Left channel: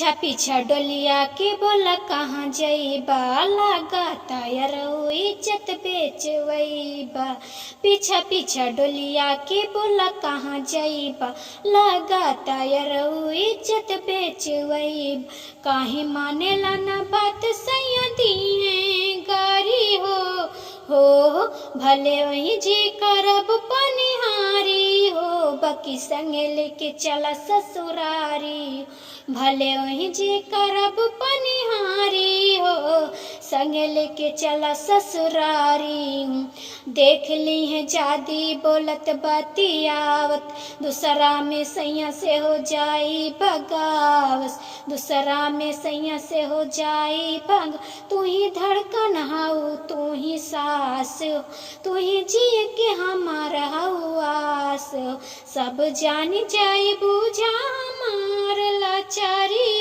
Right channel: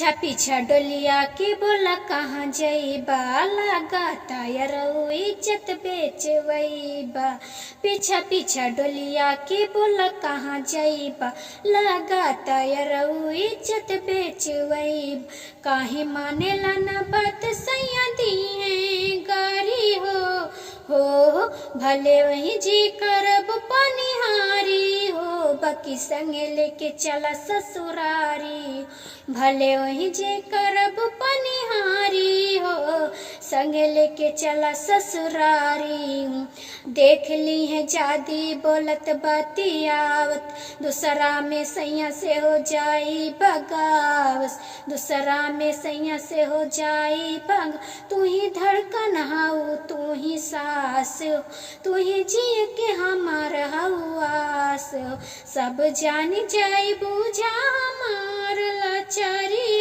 पीछा डोलिया के बोला कहाँ जईबा, लगाता यारऊ इज्जत बेचवईबा। पीछा डोलिया के बोला कहाँ जईबा, लगाता यारऊ इज्जत बेचवईबा। काहे मानेला ना बात सैया दी है गारी हो भले वही जी करब पनिहारी हो, बाकी संगे लेके चला ससुरारी। भले वही जे करब पनिहारी हो, संगे लेके चला ससुरारी। देख ली है जादी बोलत बतियावत, दूसरा में सैया से हो जाई बगावस। दूसरा में सैया से हो जाई भंग, तू ही धड़कन हाउ तू ही सास, तू ही जिए के हमार हवास। सब जान जाई बुझा हमार लाचारी